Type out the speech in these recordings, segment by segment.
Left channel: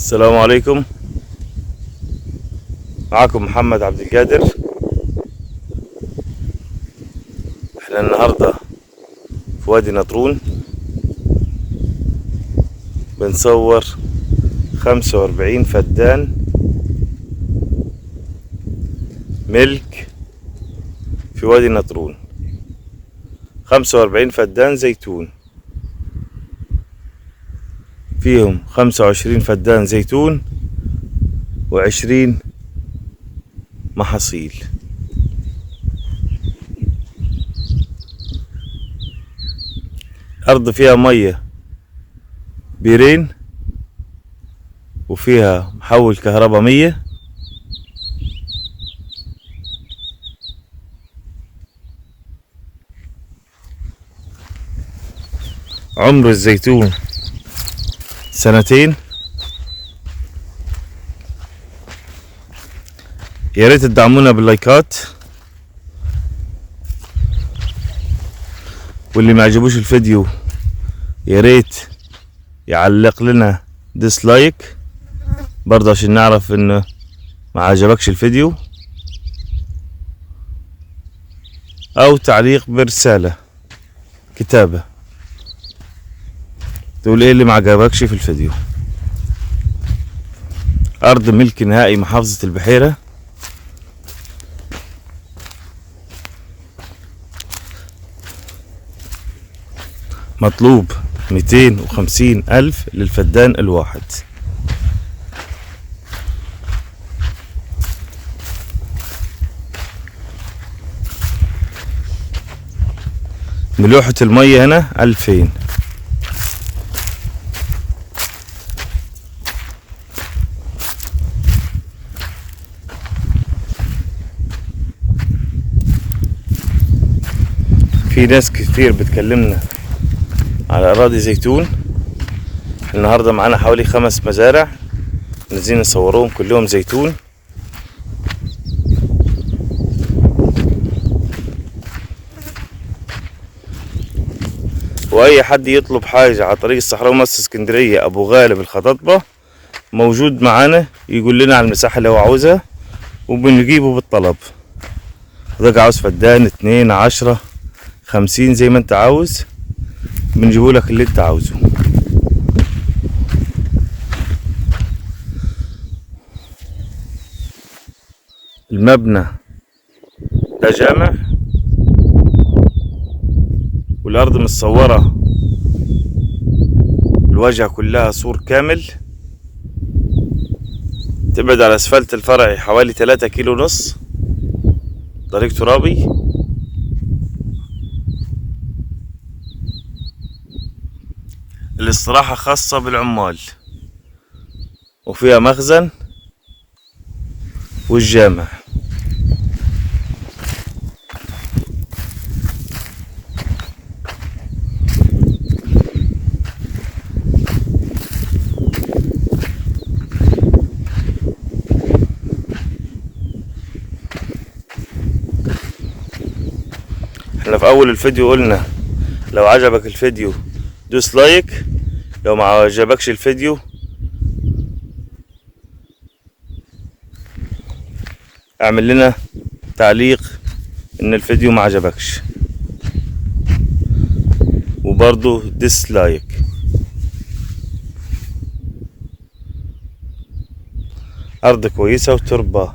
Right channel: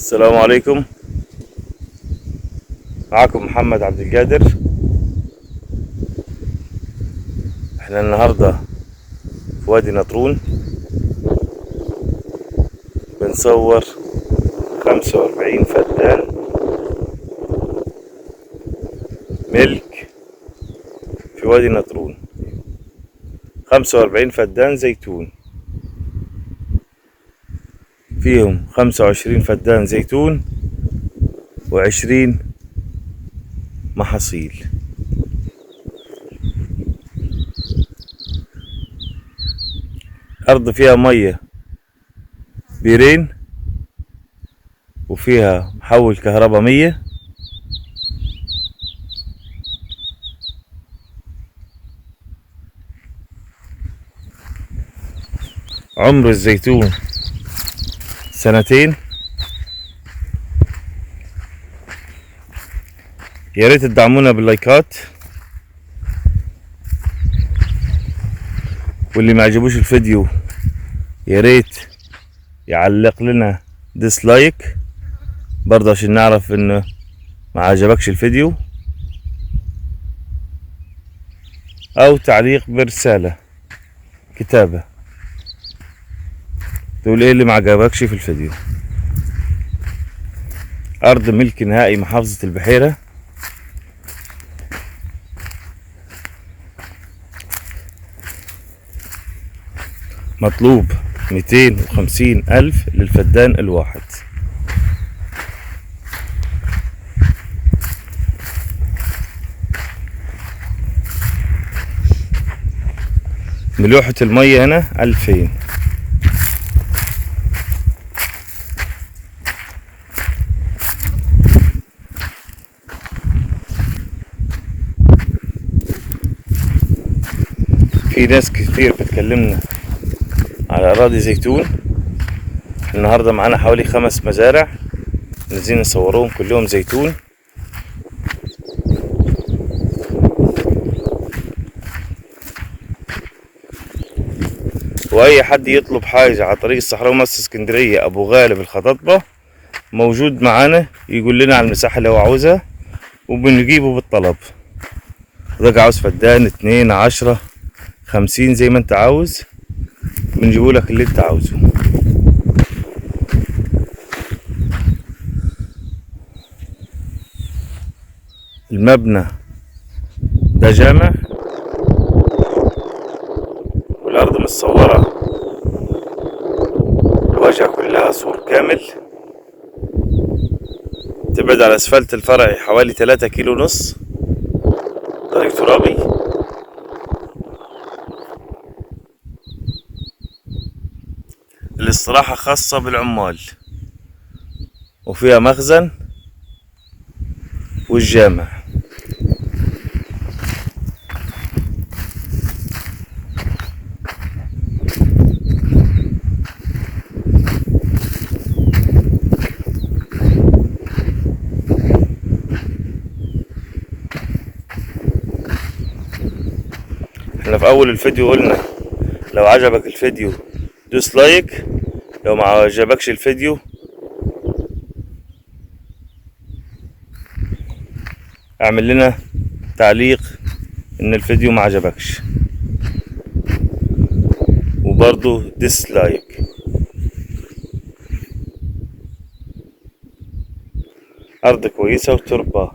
السلام عليكم. معكم محمد عبد القادر. احنا النهاردة في وادي نطرون بنصور 45 فدان ملك في وادي نطرون. 45 فدان زيتون، فيهم 25 فدان زيتون و20 محاصيل. أرض فيها مية بيرين، وفيها محول كهرباء 100. عمر الزيتون 2 سنين. يا ريت تدعمونا باللايكات، واللي ما عجبوش الفيديو يا ريت يعلق لنا ديسلايك برضه عشان نعرف انه ما عجبكش الفيديو، او تعليق برسالة كتابة تقول ايه اللي ما عجبكش في الفيديو. ارض ملك نهائي محافظة البحيرة. مطلوب 250,000 للفدان الواحد. ملوحة المية هنا 2000. في ناس كتير بتكلمنا على أراضي زيتون. النهاردة معانا حوالي 5 مزارع نازلين نصوروهم كلهم زيتون. وأي حد يطلب حاجة على طريق الصحراوي مصر اسكندرية أبو غالب الخطاطبة موجود معانا، يقول لنا على المساحة اللي هو عاوزها وبنجيبه بالطلب. ده عاوز فدان 2 10 50 زي ما انت عاوز، بنجيبه لك اللي انت عاوزه. المبنى ده جامع، والارض متصورة الواجهة كلها سور كامل. تبعد على اسفلت الفرعي حوالي 3 كيلو ونص، طريق ترابي. الاستراحة خاصة بالعمال، وفيها مخزن والجامع. احنا في اول الفيديو قلنا لو عجبك الفيديو دوس لايك، لو ما عجبكش الفيديو اعمل لنا تعليق ان الفيديو ما عجبكش، وبرضو ديسلايك. ارض كويسة وتربة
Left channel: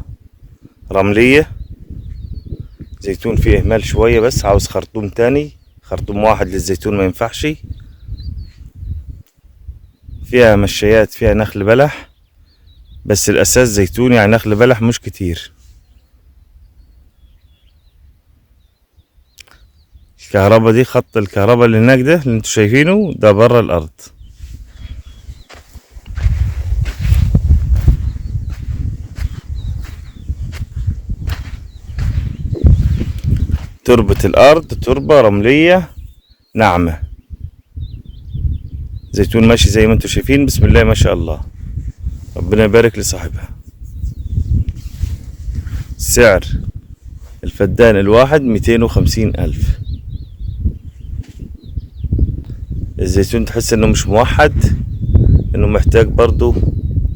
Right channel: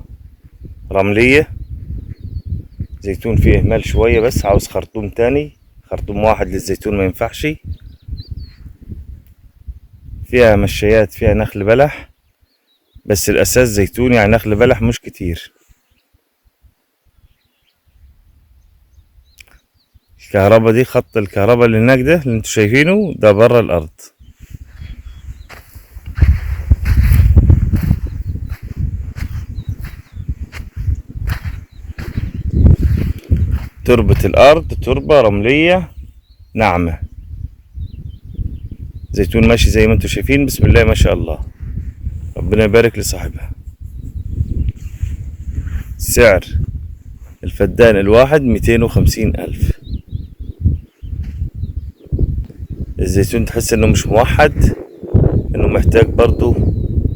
رملية. زيتون فيه اهمال شوية، بس عاوز خرطوم تاني، خرطوم واحد للزيتون ما ينفعش. فيها مشايات، فيها نخل بلح، بس الاساس زيتون، يعني نخل بلح مش كتير. الكهرباء دي، خط الكهرباء اللي هناك ده اللي انتوا شايفينه ده برا الارض. تربة الارض تربة رملية ناعمة. زيتون ماشي زي ما انتوا شايفين، بسم الله ما شاء الله، ربنا يبارك لصاحبها. سعر الفدان الواحد 250,000. الزيتون تحس انه مش موحد، انه محتاج برضو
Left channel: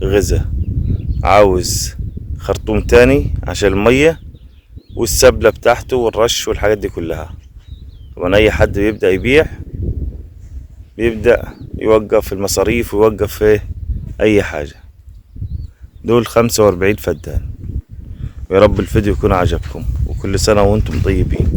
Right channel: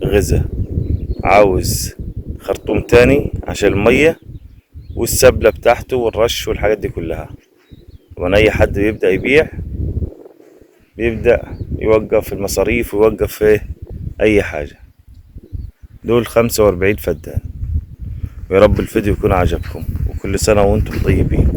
غذاء، عاوز خرطوم تاني عشان المية والسبلة بتاعته والرش والحاجات دي كلها. طبعا اي حد بيبدأ يبيع بيبدأ يوقف المصاريف ويوقف في اي حاجة. دول 45 فدان. ويا رب الفيديو يكون عجبكم، وكل سنة وانتم طيبين.